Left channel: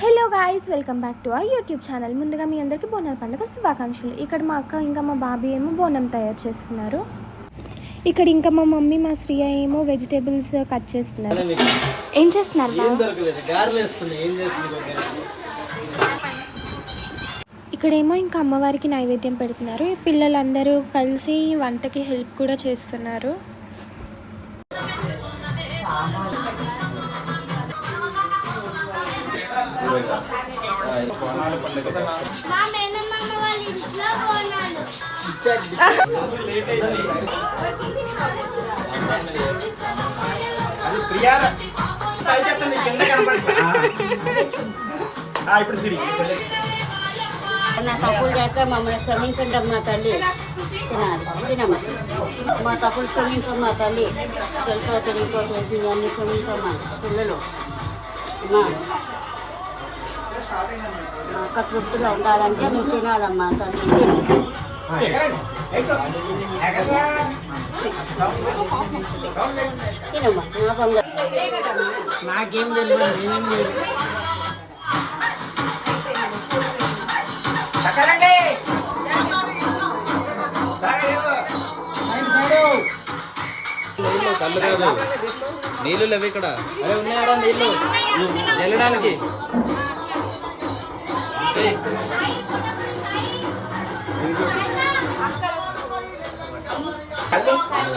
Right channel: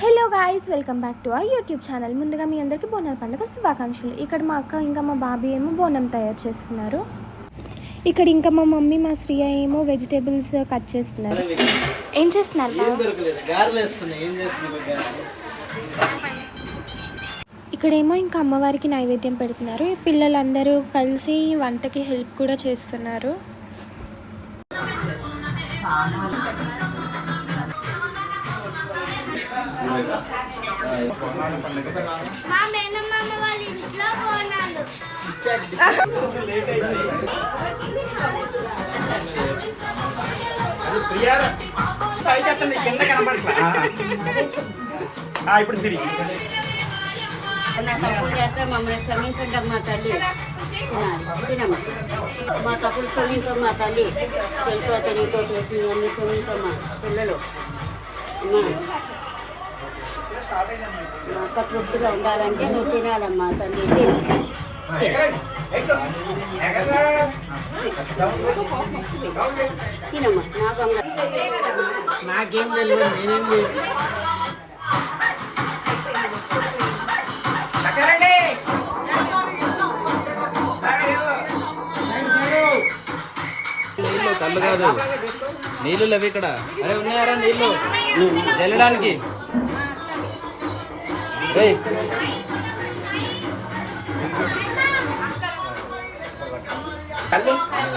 Hello guys, welcome back to our YouTube channel. ముందుగా మీ అందరికీ బోనాల పండుగ శుభాకాంక్షలు. ఇక్కడ మా అక్క ఇంకా మా బాబీ ఏమో బోనం తయారు చేస్తున్నారు. ఇక్కడ ఇంకా మా మమ్మీ మా శ్రీయ ఏమో వెజిటేబుల్స్ కట్ చేస్తున్నారు. ఏం చేస్తున్నారు? ఇక్కడేమో ఇంకా అమ్మవారికి నైవేద్యం పెడుతున్నారు. పిల్లలందరూ కలిసి వంటకి హెల్ప్ కూడా చేస్తున్నారు. నా తప్పులు చేస్తే మమ్మల్ని క్షమించండి అమ్మా తల్లి. తినాలి తినమ్మా, మా తప్పులు క్షమించమ్మా తల్లి. తెలుసో తెలియతో తెలిసి అన్ని క్షమించమ్మా పిల్లలు. అమ్మా అక్క తృప్తిగా ఉండాలంటే నువ్వు తినాలమ్మా తల్లి. తినమ్మా నా బంగారు. నాకేం తెలియదు, నేనేం లేదు. కళ్ళు కాదు, నీళ్ళు లేవు ఇక్కడ. అరే ఉన్నారా నీళ్ళు వెళ్ళడానికి?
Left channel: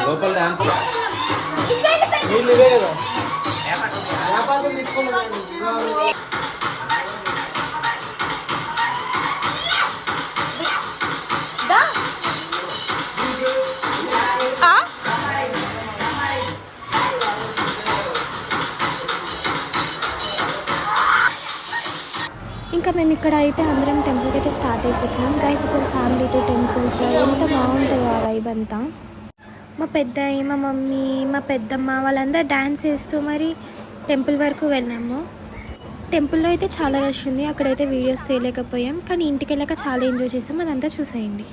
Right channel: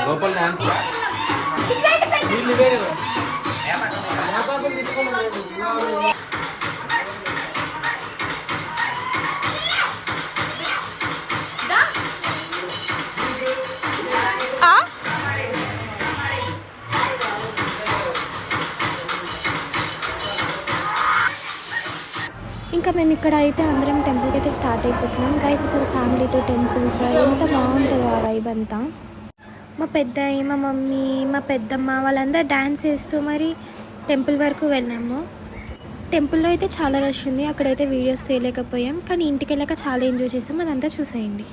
లోపల డాన్స్ నీళ్ళు ఇవే కదా. ఇంకా మేము ఇక్కడ అయితే అందరం టెంపుల్కి అయితే స్టార్ట్ అయిపోతున్నాం. గైస్ అసలు ఫ్యామిలీతో టెంపుల్స్ ఎంత బాగుంటుందో ఆ వైబ్ అంతా. మా పెద్దయ్య, మా మమ్మీ, మా పెద్దమ్మ వాళ్ళందరూ డ్యాన్స్ చేస్తూ మరి టెంపుల్ వరకు వెళ్ళాము. టెంపుల్లో అయితే చాలా రష్ ఉంది, అక్కడైతే వీడియోస్ తీయలేకపోయాం. కానీ ఇంటికి వెళ్ళాక చాలా ఎంజాయ్ చేసాం. అదంతా చూసేయండి.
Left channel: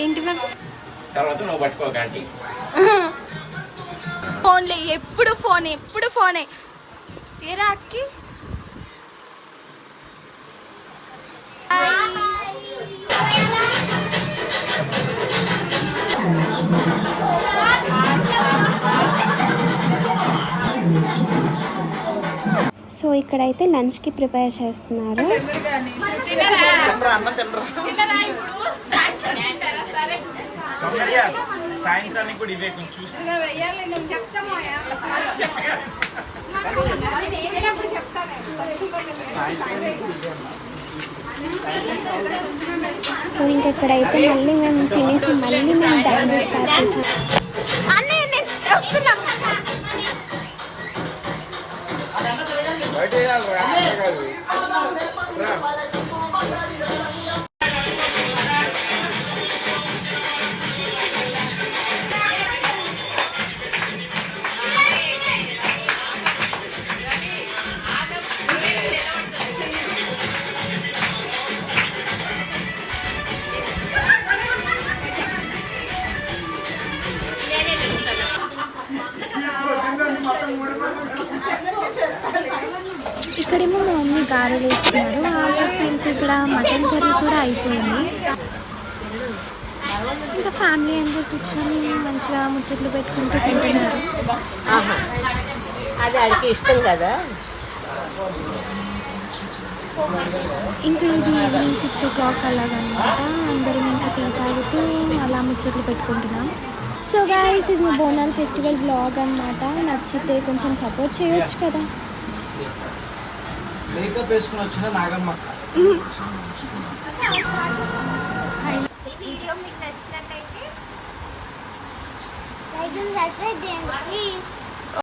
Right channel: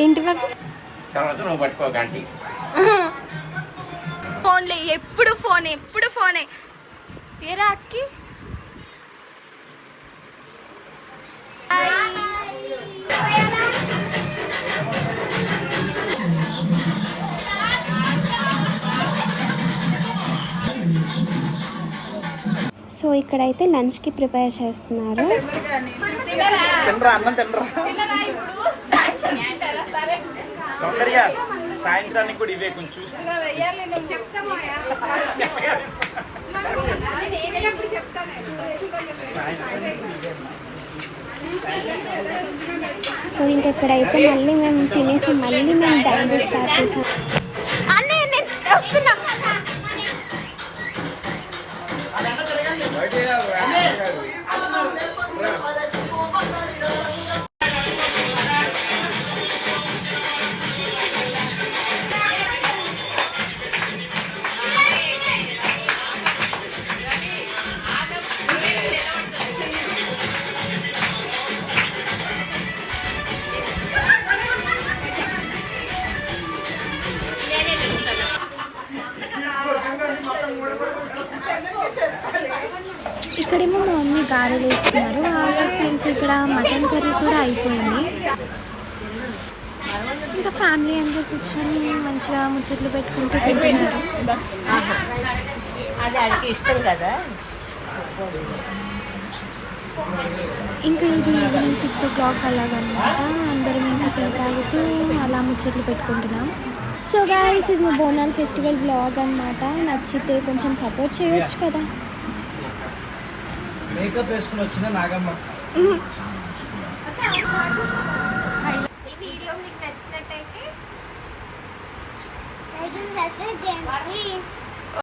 ఏంటి ఫోన్లే, ఎప్పుడు ఫోనే ఎప్పుడు ఫోనే. ఏరా అక్కి? సో ఇక్కడైతే లంచ్కి ప్రిపేర్ చేస్తున్నారు. సాయంత్రానికి కూడా ఇవే కొంచెం చూసి సో ఇంకెక్కడైతే మళ్ళీ మేము తినేసి మళ్ళీ మేము డాన్స్ స్టార్ట్ చేసాం. ఇక్కడేమో మా మమ్మీ గారెలు వేస్తున్నారు. ఇంకా ఇక్కడ మటన్ కర్రీ కూడా అయిపోయింది. ఇంకా ఫ్యామిలీ అందరూ కూర్చొని మంచిగా ముచ్చట్లు పెట్టుకుంటూ తింటున్నారు. ఇష్టం కదా. ఇంకా ఇది ఈవినింగ్ 6 o'clock అలాగనమాట. అందరం ఇంకా టీ తాగుతూ అలా ముచ్చట్లు పెట్టుకుంటున్నాం. సో గైస్, ఇది మా బోనాల్ ఫెస్టివల్ బ్లాగ్ అనమాట. నచ్చితే కొంచెం సపోర్ట్ చేయొచ్చు కదా. మేకప్ వేసుకుని వచ్చిన నాగమ్మ. ఈ వీడియో మీకు నచ్చినట్టయితే లైక్ అండ్ సబ్స్క్రైబ్ చేయండి ప్లీజ్.